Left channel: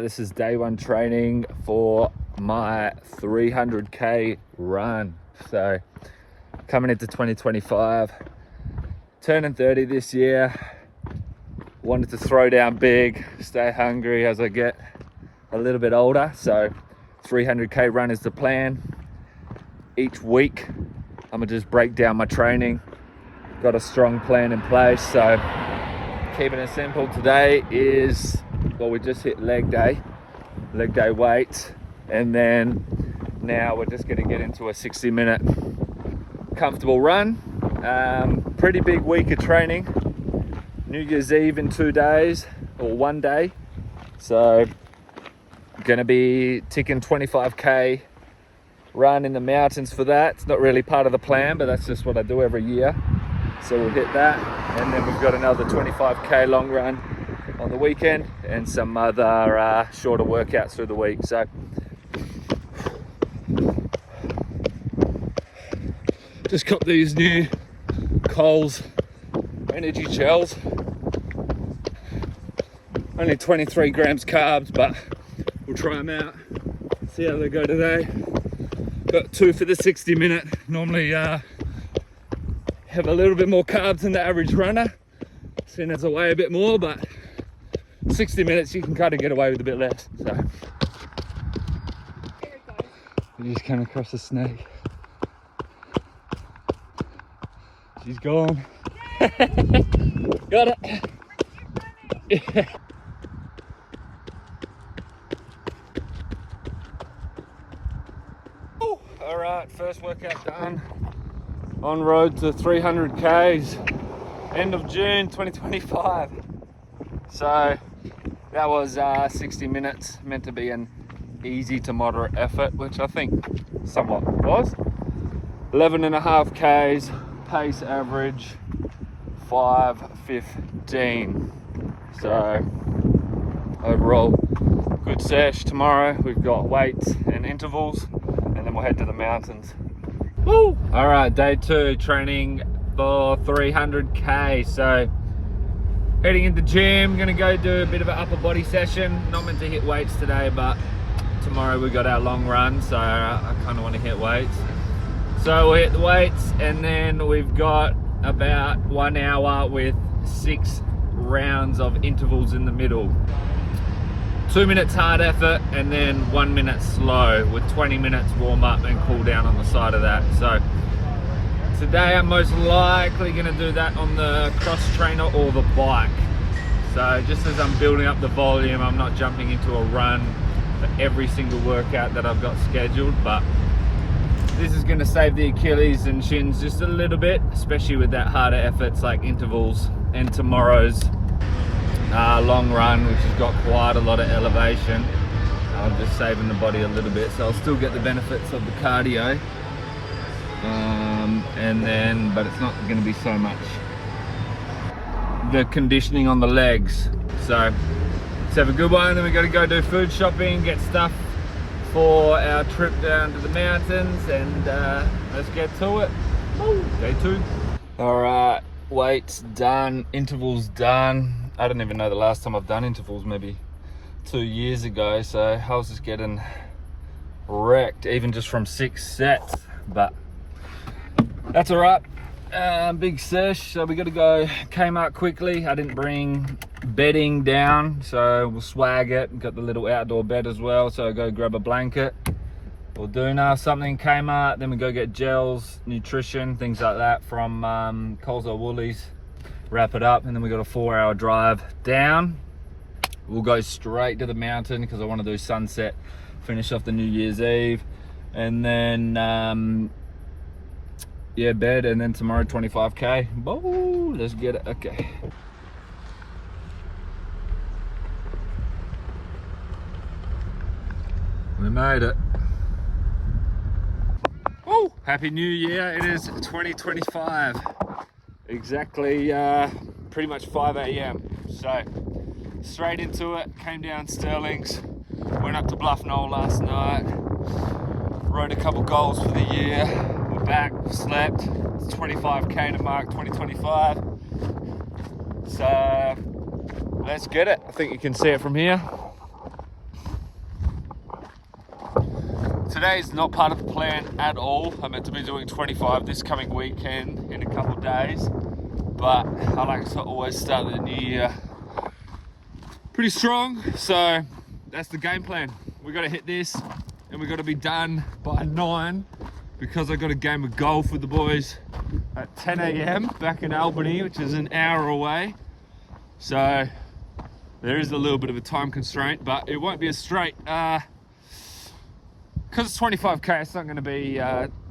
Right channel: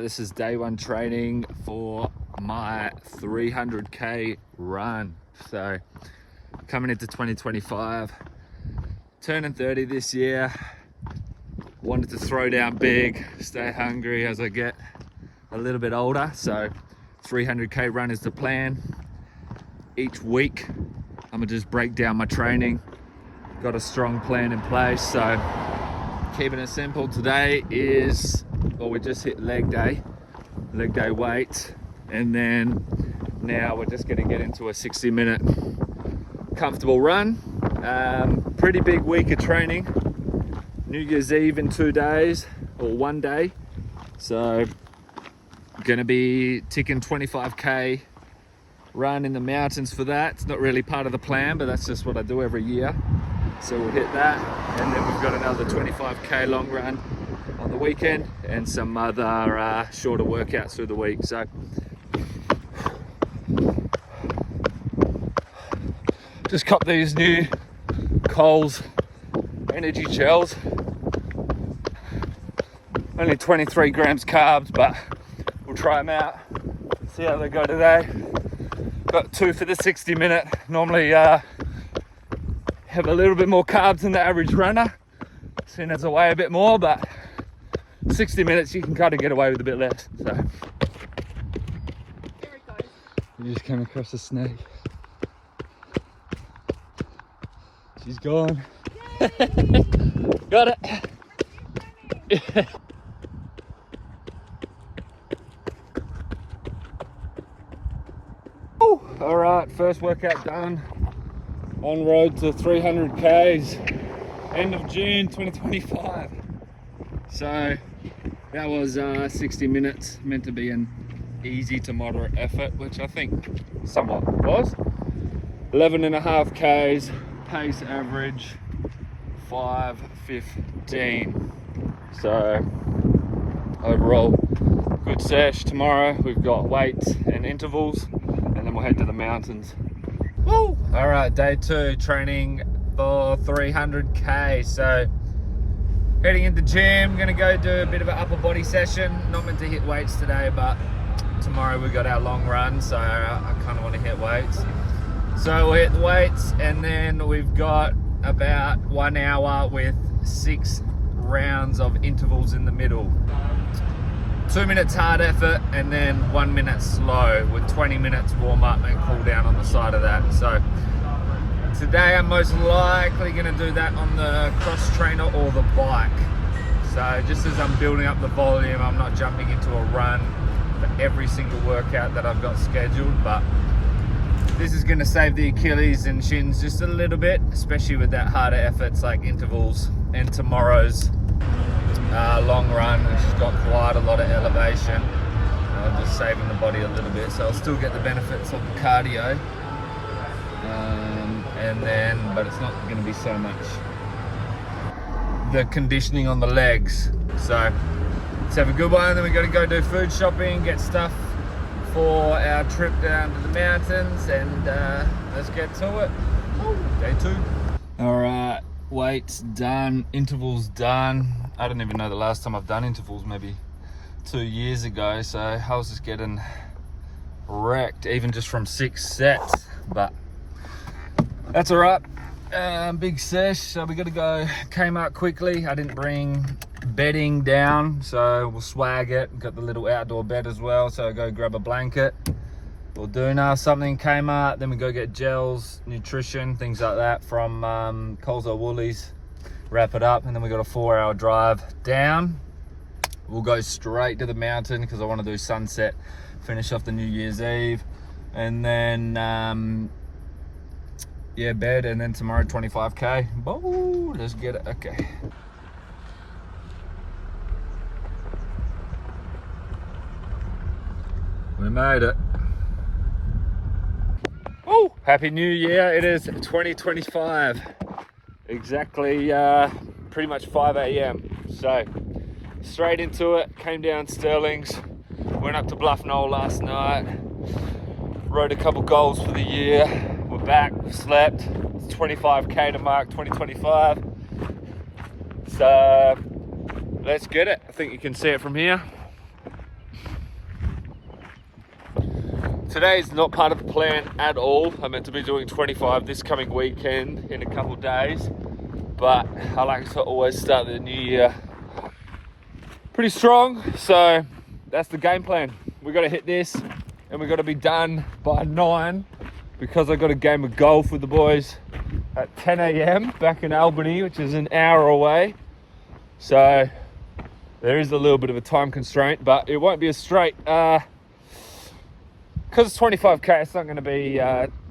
this is day one training for my 300k run. So coming into 2025, turning 30 this year. Wanted to throw down big, stay hungry as I get a little bit older. So 300k run is the plan. Each week I'm gonna just break down my training. Got a strong plan in place, so keeping it simple. Today is, well, we just hit leg day weight, and then now we're just gonna get into a 60-minute comfortable run. Pretty big week of training. New Year's Eve in 2 days, or 1 day. So gonna be ticking 25k run in the mountains for that. It's not really part of the plan, but that's just what I do every year. So we'll hit that, and then we've got another 25k long run on the weekend and some other shorter workouts through the week. So just cop these new Coles energy gels. Only 23 grams carbs, but we'll try them out, see how they go today. Got 2 for the 60-minute. Normally have a little bit more carbs than the average runner, seeing as I weigh a bit more, but 60 minutes you can kind of get away with a bit less. So we just came across a snake. She's gone. Got it. Yeah. All right, first workout done. On road to 300 Ks, end of June 2025. So that was 60 minutes, meant to be an easy to moderate effort, which I think somewhat was. 11.5 Ks, pace average 5:15. So overall, good sesh. Tomorrow we've got weights and intervals, and then we'll head to the mountains. Woo! All right, day 2 training for 300k. So heading into the gym, gonna go do a bit of an upper body session. Not meant to hit weights today, but tomorrow we got our long run, so I kind of want to hit weights. So we'll hit the weights, and then we've got about 1 hour with 6 rounds of intervals in the middle. 2 minutes hard effort, and then 1 minute slow, with 20 minutes warm up and cool down on the side of that. So today I'm most likely gonna do that on the cross trainer or the bike. So just as I'm building up the volume, I'm not jumping into a run for every single workout that I've got scheduled, but this is gonna save the Achilles and shins just a little bit, especially with that harder efforts like intervals and tomorrow's long run, which has got quite a lot of elevation. I'm just saving the body a little bit, so I'll still get the benefits of the cardio, but it's not going to be so much the conditioning on the legs. So let's have a good one. Then we got to go do food shopping, get stuff for our trip down to the mountains, and let's get to it. Woo, day 2. All right, weights done, intervals done. I don't even know the last time I've done intervals, maybe 2 years ago. So I was just getting wrecked, even just from 6 sets, but that's all right. Big sesh, so we got to go Kmart quickly. I didn't bring bedding down, so we'll swag it. Got the little outdoor bed as well, so I go grab a blanket or doona, something Kmart. Then we go get gels, nutrition, things like that from Coles or Woolies. Wrap it up, and then we got a 4-hour drive down. We'll go straight to the mountain because I want to do sunset, finish off the New Year's Eve, and then yeah, bed, and then tomorrow 25k. Whoa, let's get it. Okay. We made it. Oh, happy New Year. It is 2025. Exactly, pretty much 5 a.m. So straight into it. Came down Sterling's, went up to Bluff Knoll last night, rode a couple goals for the year. We're back, slept. It's 25k to mark 2025. So let's get it. I think you can see it from here. Today's not part of the plan at all. I'm meant to be doing 25 this coming weekend in a couple of days, but I like to always start the new year pretty strong, so that's the game plan. We got to hit this and we got to be done by 9 because I got a game of golf with the boys at 10 a.m. back in Albany, which is an hour away. So there is a little bit of a time constraint, but it won't be as straight. Because it's 25k, it's not going to be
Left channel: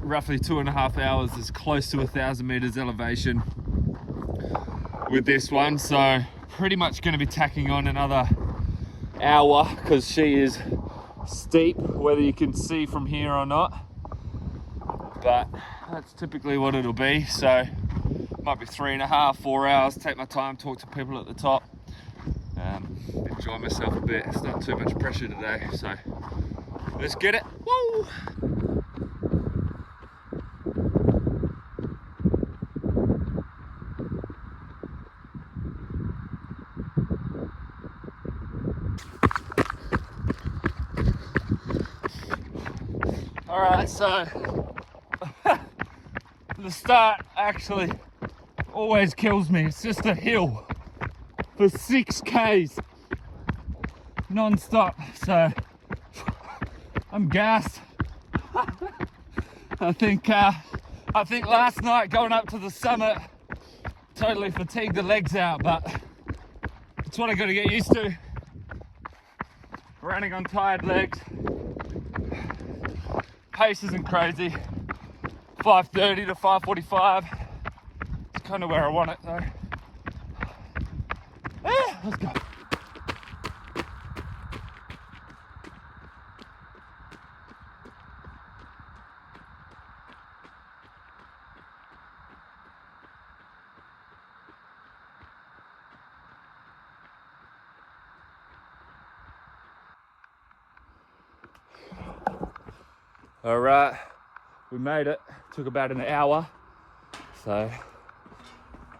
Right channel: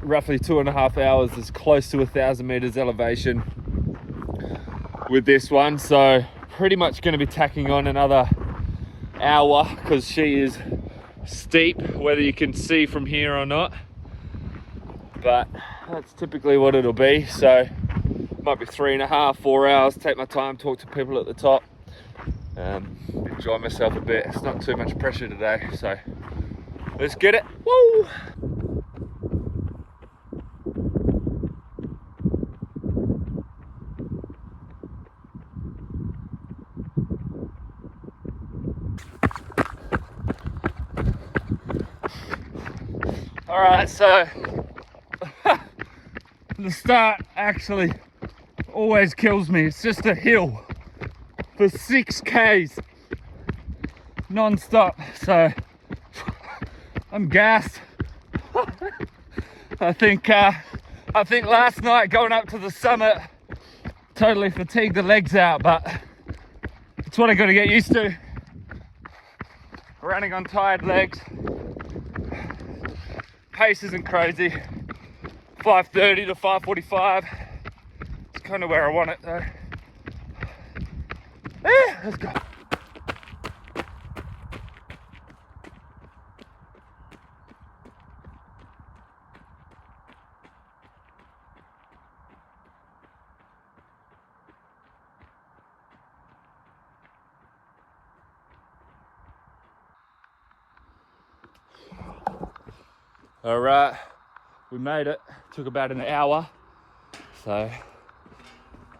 roughly 2.5 hours. It's close to 1,000 meters elevation with this one. So pretty much going to be tacking on another hour because she is steep, whether you can see from here or not. But that's typically what it'll be. So might be 3.5, 4 hours. Take my time, talk to people at the top, enjoy myself a bit. It's not too much pressure today, so let's get it. Woo! All right, so the start actually always kills me. It's just a hill for 6Ks non-stop, so I'm gassed. I think last night going up to the summit totally fatigued the legs out, but it's what I got to get used to. Running on tired legs. Pace isn't crazy. 5:30 to 5:45. It's kind of where I want it though. Yeah, let's go. All right, we made it. Took about an hour. So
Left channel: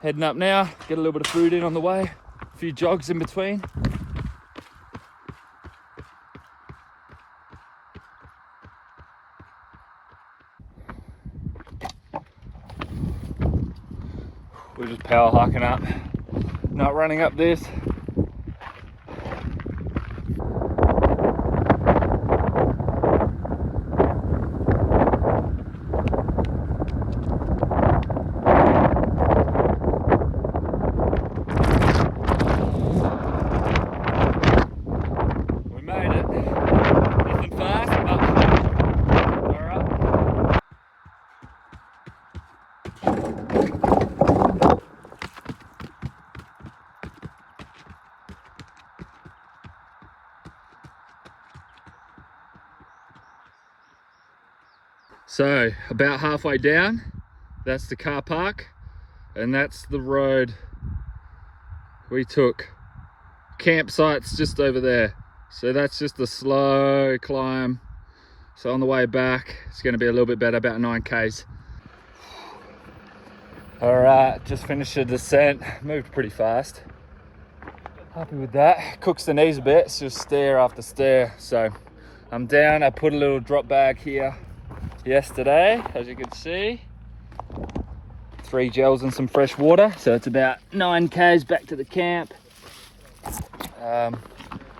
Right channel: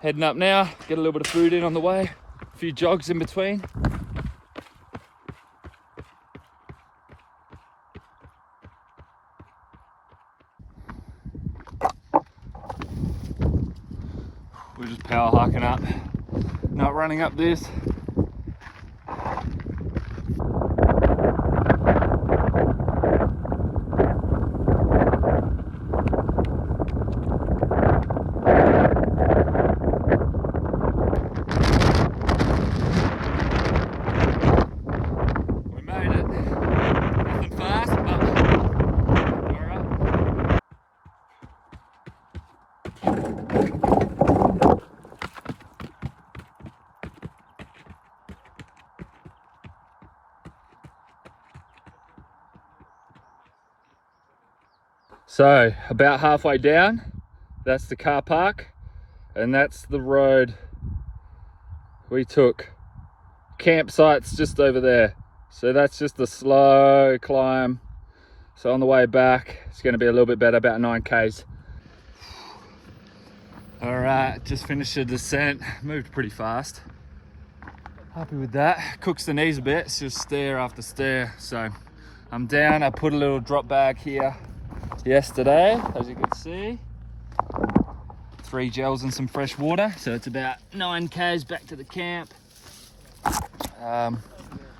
heading up now, get a little bit of food in on the way, a few jogs in between. We're just power hiking up, not running up this. So about halfway down, that's the car park, and that's the road we took. Campsite's just over there. So that's just a slow climb. So on the way back, it's going to be a little bit better, about 9Ks. All right, just finished the descent. Moved pretty fast. Happy with that. Cooks the knees a bit. It's just stair after stair. So I'm down. I put a little drop bag here yesterday, as you can see. 3 gels and some fresh water. So it's about 9Ks back to the camp.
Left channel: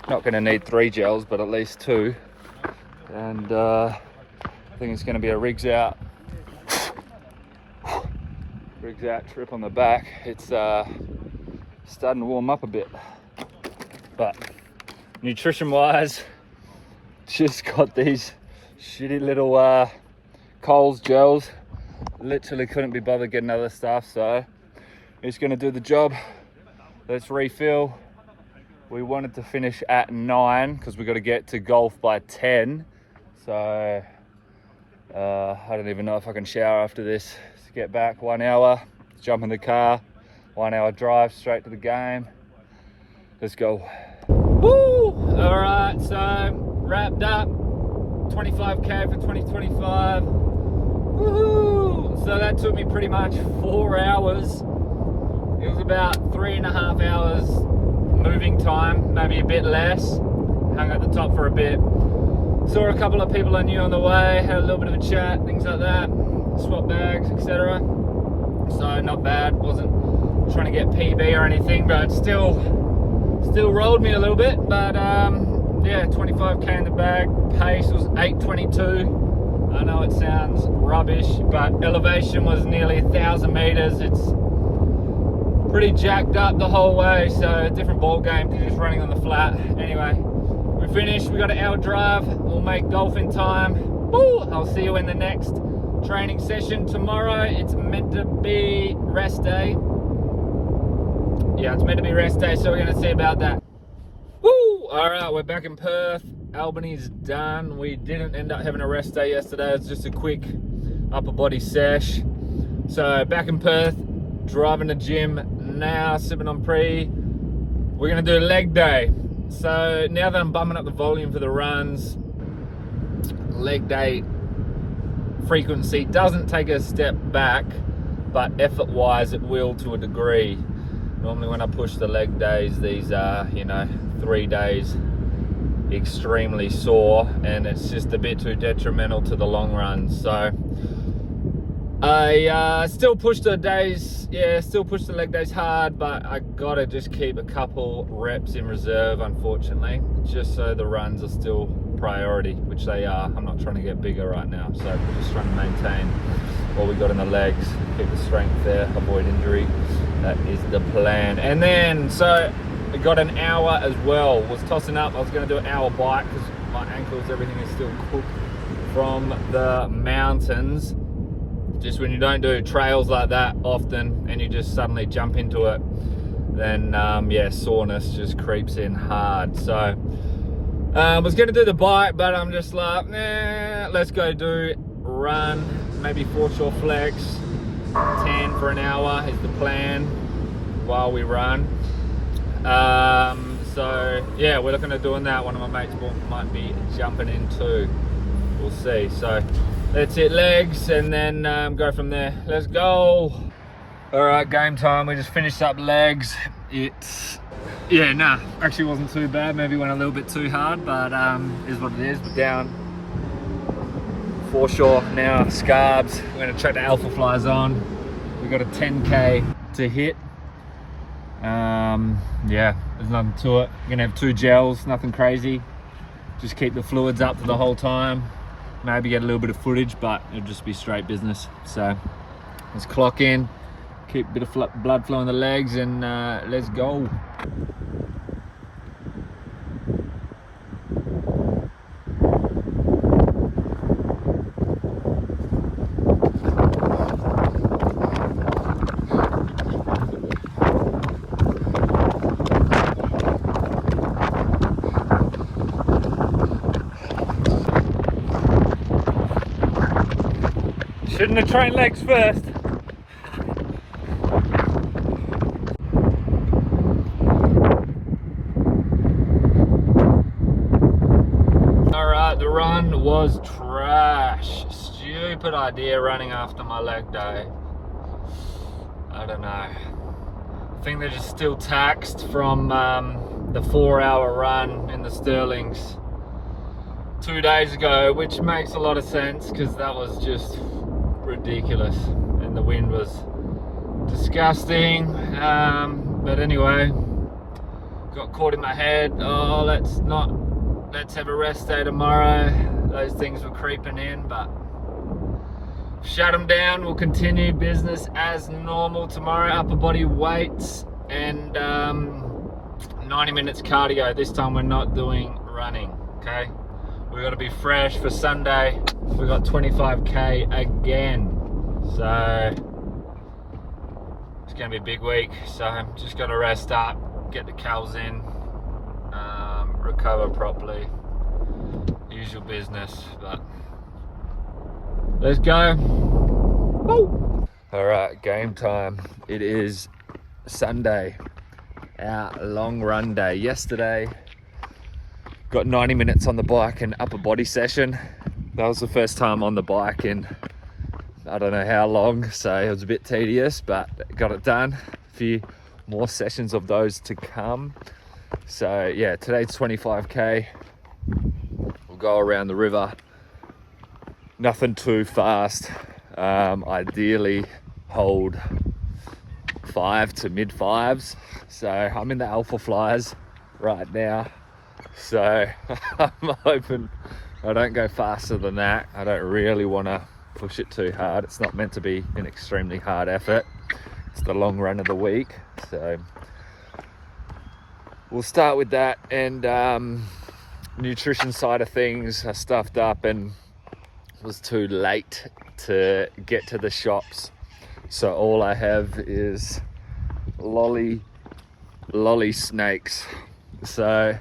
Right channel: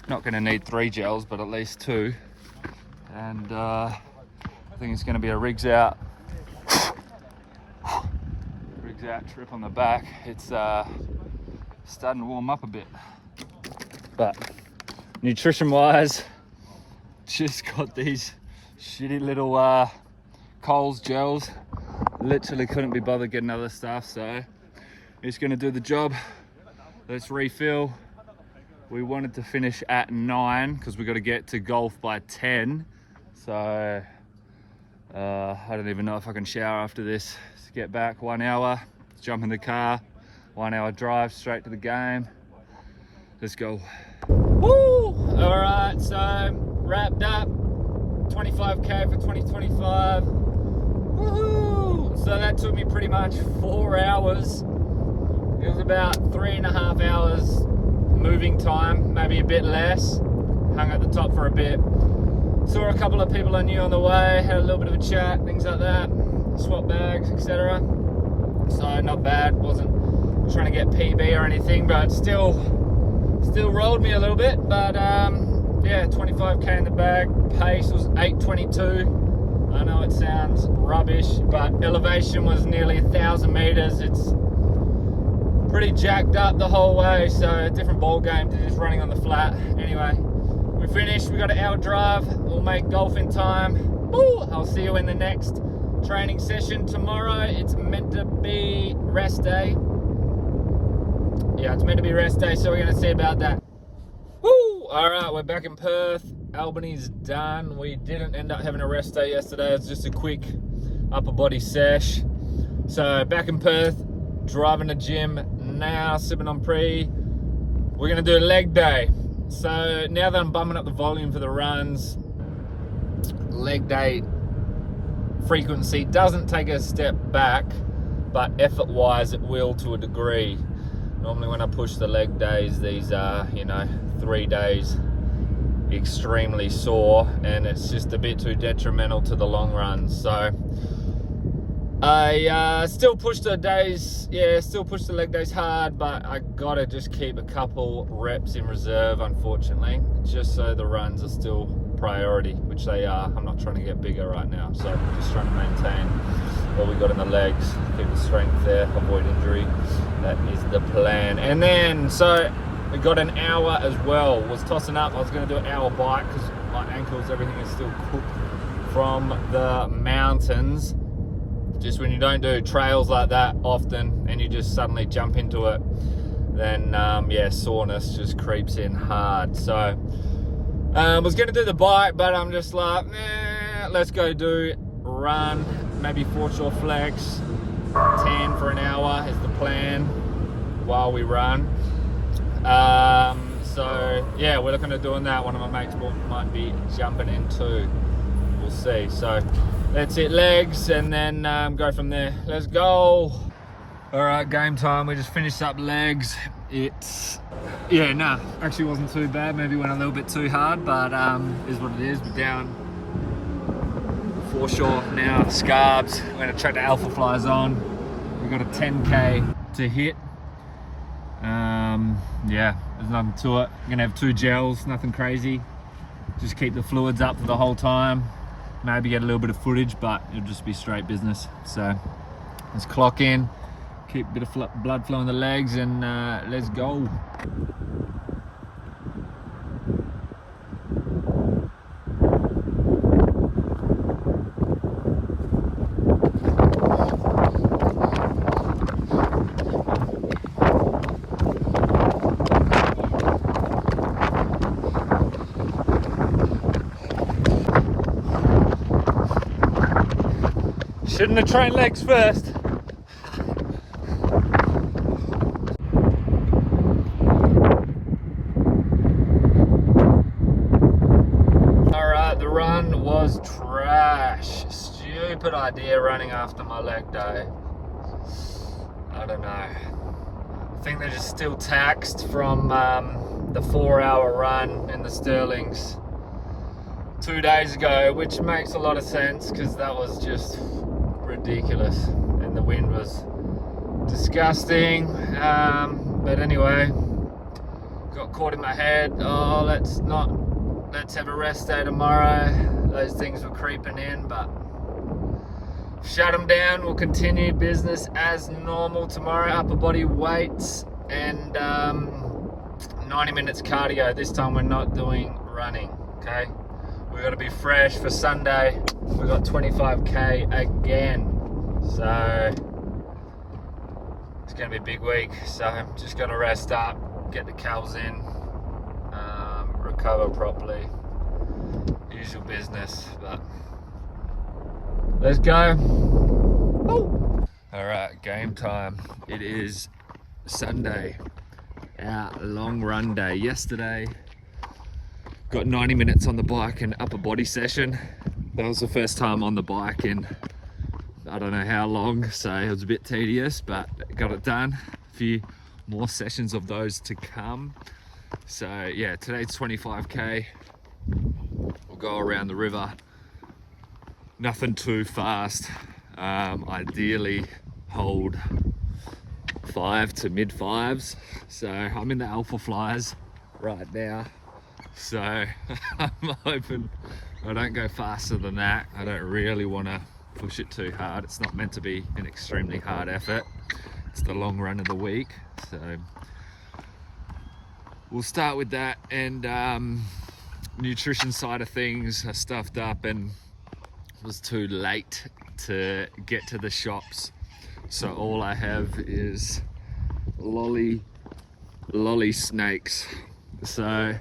Not going to need 3 gels, but at least 2. And I think it's going to be a rigs out trip on the back. It's starting to warm up a bit, but nutrition wise, just got these shitty little Coles gels. Literally couldn't be bothered getting other stuff, so it's going to do the job. Let's refill. We wanted to finish at 9 because we got to get to golf by 10. So I don't even know if I can shower after this. To get back 1 hour, jump in the car, 1 hour drive straight to the game. Let's go. Woo! All right, so wrapped up. 25K for 2025. Woohoo! So that took me pretty much 4 hours. It was about 3.5 hours moving time, maybe a bit less. Hung at the top for a bit. Saw a couple of people I knew on the way, had a little bit of a chat, things like that, swap bags, etc. So not bad, wasn't trying to get PB or anything, but still rolled me a little bit. But yeah, 25k in the bag, pace was 8:22. I know it sounds rubbish, but elevation was nearly 1,000 meters. It's pretty jacked up the whole way, so a different ball game to just running on the flat. Anyway, we finished, we got an hour drive, we'll make golf in time. Woo! I'll see you in the next training session tomorrow. It's meant to be rest day. Yeah, it's meant to be rest day, so we're gonna see about that. Woo! All right, we're back in Perth. Albany's done. We didn't end up having a rest day yesterday. It's just a quick upper body sesh. So back in Perth, driving to gym now, sipping on pre. We're gonna do a leg day. So now that I'm bumming up the volume for the runs, leg day frequency doesn't take a step back, but effort wise it will to a degree. Normally when I push the leg days, these are, you know, 3 days extremely sore, and it's just a bit too detrimental to the long runs. So I still push the days, still push the leg days hard, but I gotta just keep a couple reps in reserve, unfortunately, just so the runs are still priority, which they are. I'm not trying to get bigger right now, so we're just trying to maintain what we got in the legs, keep the strength there, avoid injury. That is the plan. And then, so we got an hour as well. Was tossing up, I was gonna do an hour bike because my ankles, everything is still cooked from the mountains. Just when you don't do trails like that often and you just suddenly jump into it, then yeah, soreness just creeps in hard. So was gonna do the bike, but I'm just like, nah, let's go do run, maybe foreshore flex, 10 for an hour is the plan while we run. So yeah, we're looking at doing that. One of my mates might be jumping in too. We'll see. So let's hit legs and then go from there. Let's go. All right, game time. We just finished up legs. It's, yeah, nah, actually wasn't too bad. Maybe went a little bit too hard, but is what it is. We're down foreshore now, scarbs. We're gonna track the alpha flies on. We've got a 10k to hit. Yeah, there's nothing to it. We're gonna have 2 gels, nothing crazy. Just keep the fluids up for the whole time. Maybe get a little bit of footage, but it'll just be straight business. So let's clock in, keep a bit of blood flow in the legs, and let's go. Shouldn't have trained legs first. Alright, the run was trash. Stupid idea running after my leg day. I don't know. I think they're just still taxed from the 4-hour run in the Stirlings 2 days ago, which makes a lot of sense because that was just ridiculous and the wind was disgusting. But anyway, got caught in my head. Oh, let's have a rest day tomorrow. Those things were creeping in, but shut them down. We'll continue business as normal tomorrow. Upper body weights and 90 minutes cardio. This time we're not doing running, okay? We got to be fresh for Sunday. We got 25k again, so it's gonna be a big week. So I'm just gonna rest up, get the cals in, recover properly, usual business. But let's go. Woo. All right, game time. It is Sunday, our long run day. Yesterday got 90 minutes on the bike and upper body session. That was the first time on the bike in I don't know how long, so it was a bit tedious, but got it done. A few more sessions of those to come. So yeah, today's 25k. We'll go around the river. Nothing too fast. Ideally hold 5 to mid 5s. So I'm in the alpha flyers right now. So I'm hoping I don't go faster than that. I don't really want to push it too hard. It's not meant to be an extremely hard effort. It's the long run of the week. So we'll start with that. And nutrition side of things, I stuffed up and was too late to get to the shops. So all I have is lolly snakes. So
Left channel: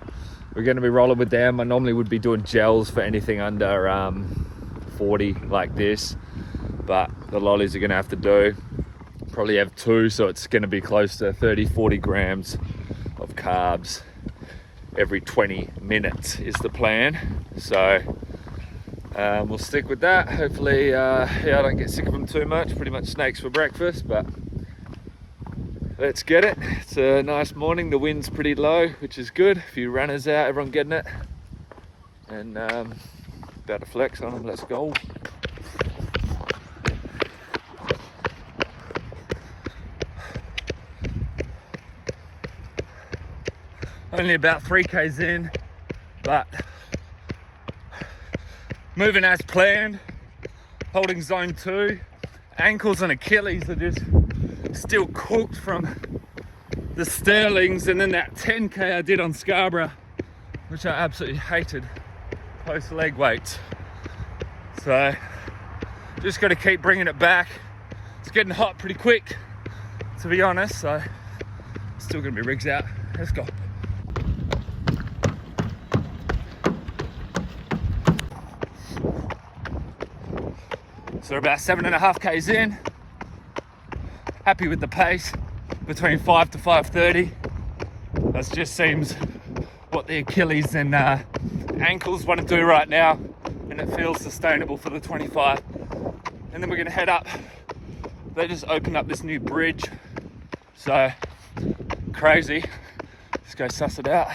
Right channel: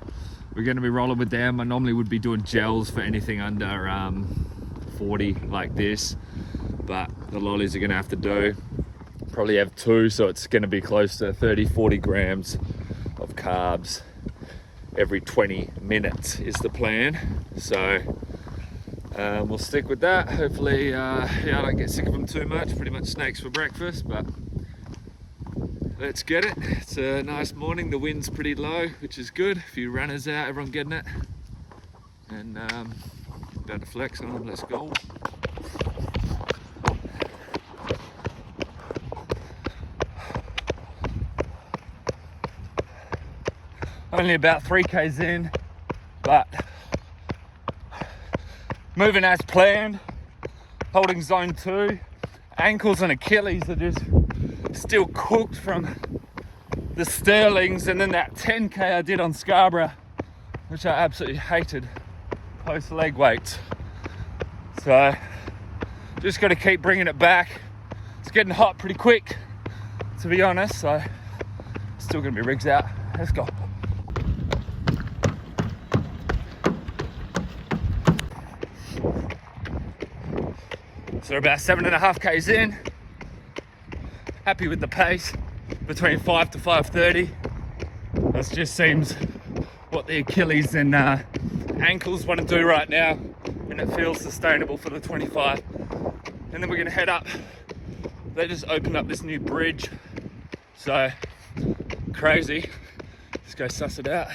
we're going to be rolling with them. I normally would be doing gels for anything under 40 like this, but the lollies are going to have to do. Probably have 2, so it's going to be close to 30-40 grams of carbs every 20 minutes is the plan. So we'll stick with that. Hopefully I don't get sick of them too much. Pretty much snakes for breakfast, but let's get it. It's a nice morning. The wind's pretty low, which is good. A few runners out, everyone getting it. And about to flex on them. Let's go. Only about 3Ks in, but moving as planned. Holding zone 2. Ankles and Achilles are just still cooked from the Sterlings, and then that 10K I did on Scarborough, which I absolutely hated, post leg weights. So just got to keep bringing it back. It's getting hot pretty quick, to be honest, so still gonna be rigs out. Let's go. So about 7.5Ks in. Happy with the pace, between 5 to 5:30. That just seems what the Achilles and ankles want to do right now, and it feels sustainable for the 25. And then we're gonna head up. They just opened up this new bridge, so crazy. Let's go suss it out.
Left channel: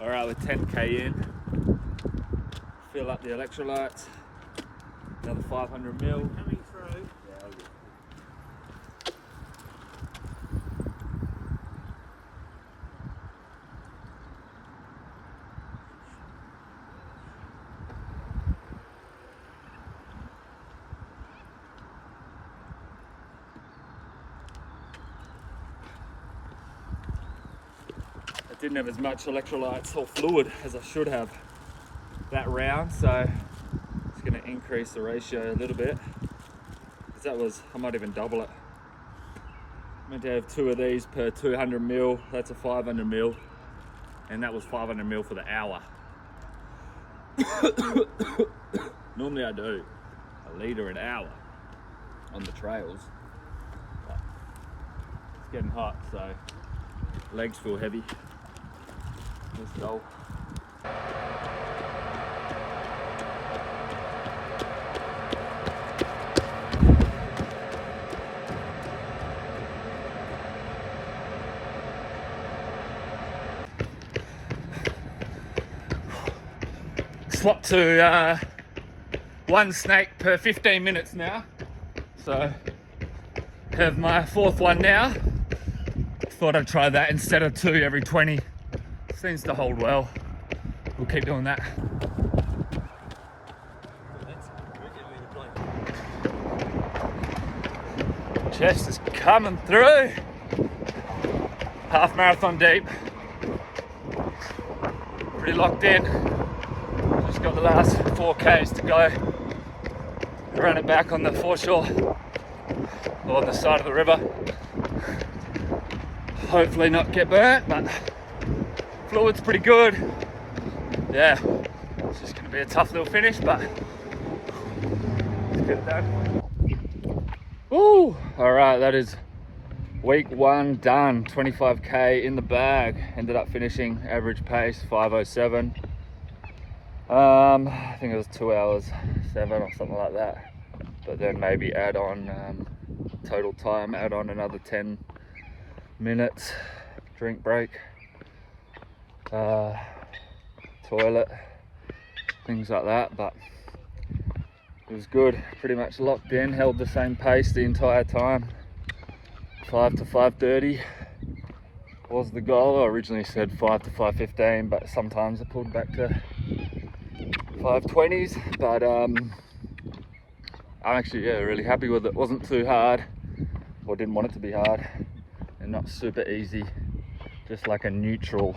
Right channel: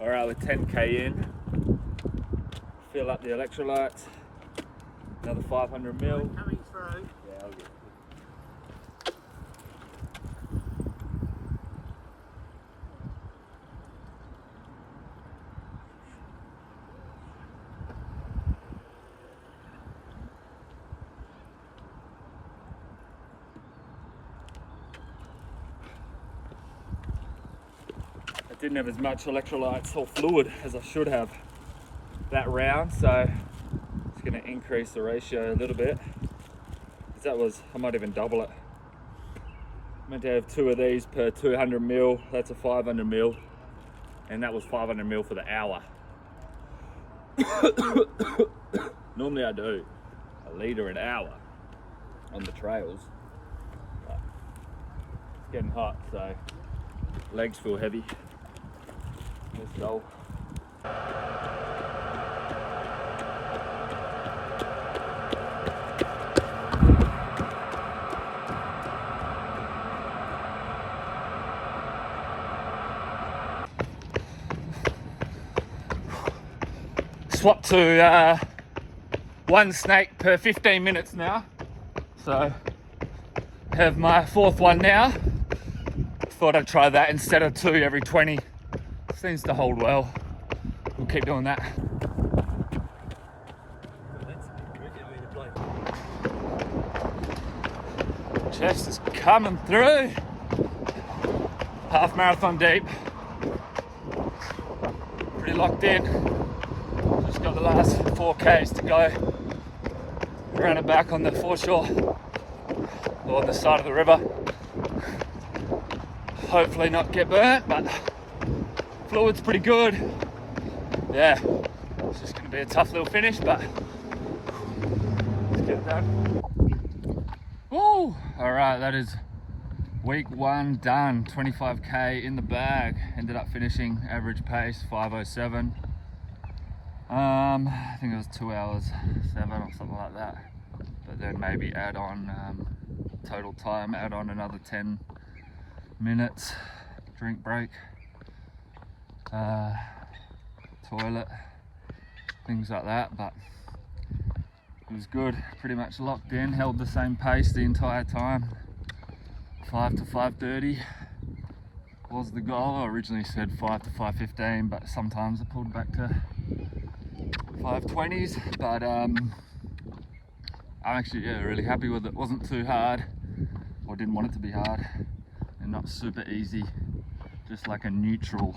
All right, we're 10K in. Fill up the electrolytes. Another 500 ml. Coming through. Yeah, I'll get it. I didn't have as much electrolytes or fluid as I should have that round, so it's going to increase the ratio a little bit. That was, I might even double it. Meant to have 2 of these per 200 ml. That's a 500 ml, and that was 500 ml for the hour. Normally I do a litre an hour on the trails, but it's getting hot, so legs feel heavy. Let's go. Swap to 1 snake per 15 minutes now, so have my 4th one now. Thought I'd try that instead of 2 every 20. Seems to hold well. We'll keep doing that. Chest is coming through. Half marathon deep. Pretty locked in. Just got the last 4Ks to go. Run it back on the foreshore or on the side of the river. Hopefully not get burnt, but fluid's pretty good. Yeah, it's just gonna be a tough little finish, but let's get it done. Woo! All right, that is week 1 done. 25K in the bag. Ended up finishing average pace 5:07. I think it was 2 hours 7 or something like that. But then maybe add on total time, add on another 10 minutes drink break. toilet, things like that, but it was good. Pretty much locked in, held the same pace the entire time. 5 to 5:30 was the goal. I originally said 5 to 5:15, but sometimes I pulled back to 5:20s. But I'm actually really happy with it. Wasn't too hard, or didn't want it to be hard, and not super easy. Just like a neutral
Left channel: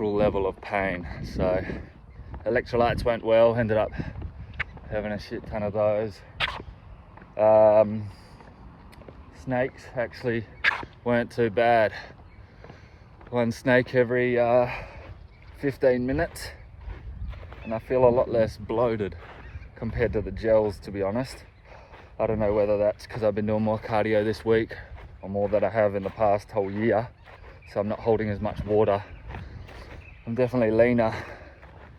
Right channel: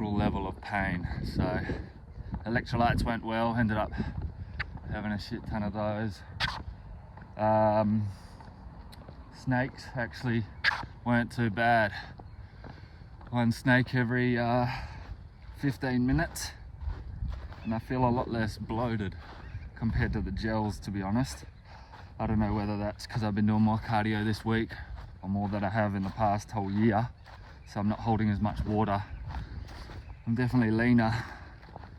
level of pain. So electrolytes went well. Ended up having a shit ton of those. Snakes actually weren't too bad. One snake every 15 minutes, and I feel a lot less bloated compared to the gels, to be honest. I don't know whether that's because I've been doing more cardio this week or more than I have in the past whole year, so I'm not holding as much water. I'm definitely leaner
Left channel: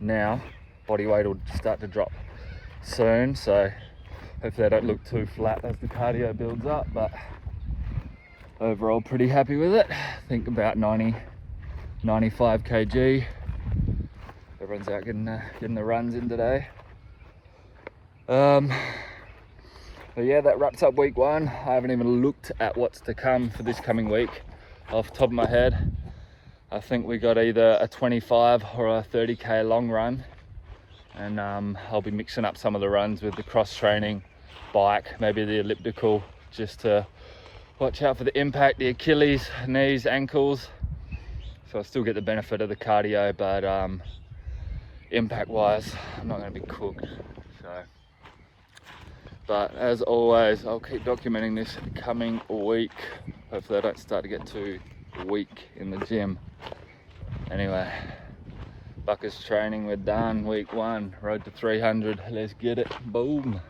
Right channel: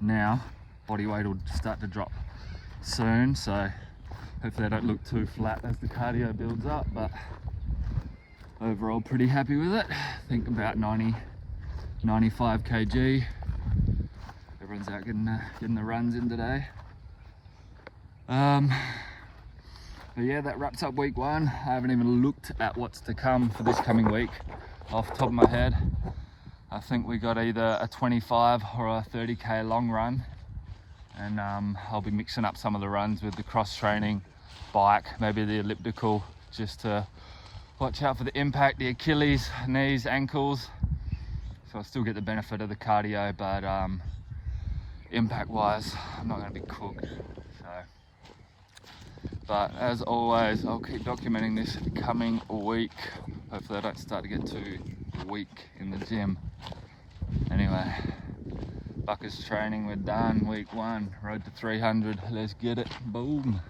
now. Body weight will start to drop soon, so hopefully I don't look too flat as the cardio builds up, but overall pretty happy with it. I think about 95 kg. Everyone's out getting the runs in today. But yeah, that wraps up week 1. I haven't even looked at what's to come for this coming week off the top of my head. I think we got either a 25 or a 30k long run, and I'll be mixing up some of the runs with the cross training, bike, maybe the elliptical, just to watch out for the impact, the Achilles, knees, ankles. So I still get the benefit of the cardio, but impact wise, I'm not going to be cooked. So, but as always, I'll keep documenting this coming week. Hopefully I don't start to get too weak in the gym. Anyway, Buckers training, we're done. Week 1, road to 300. Let's get it. Boom.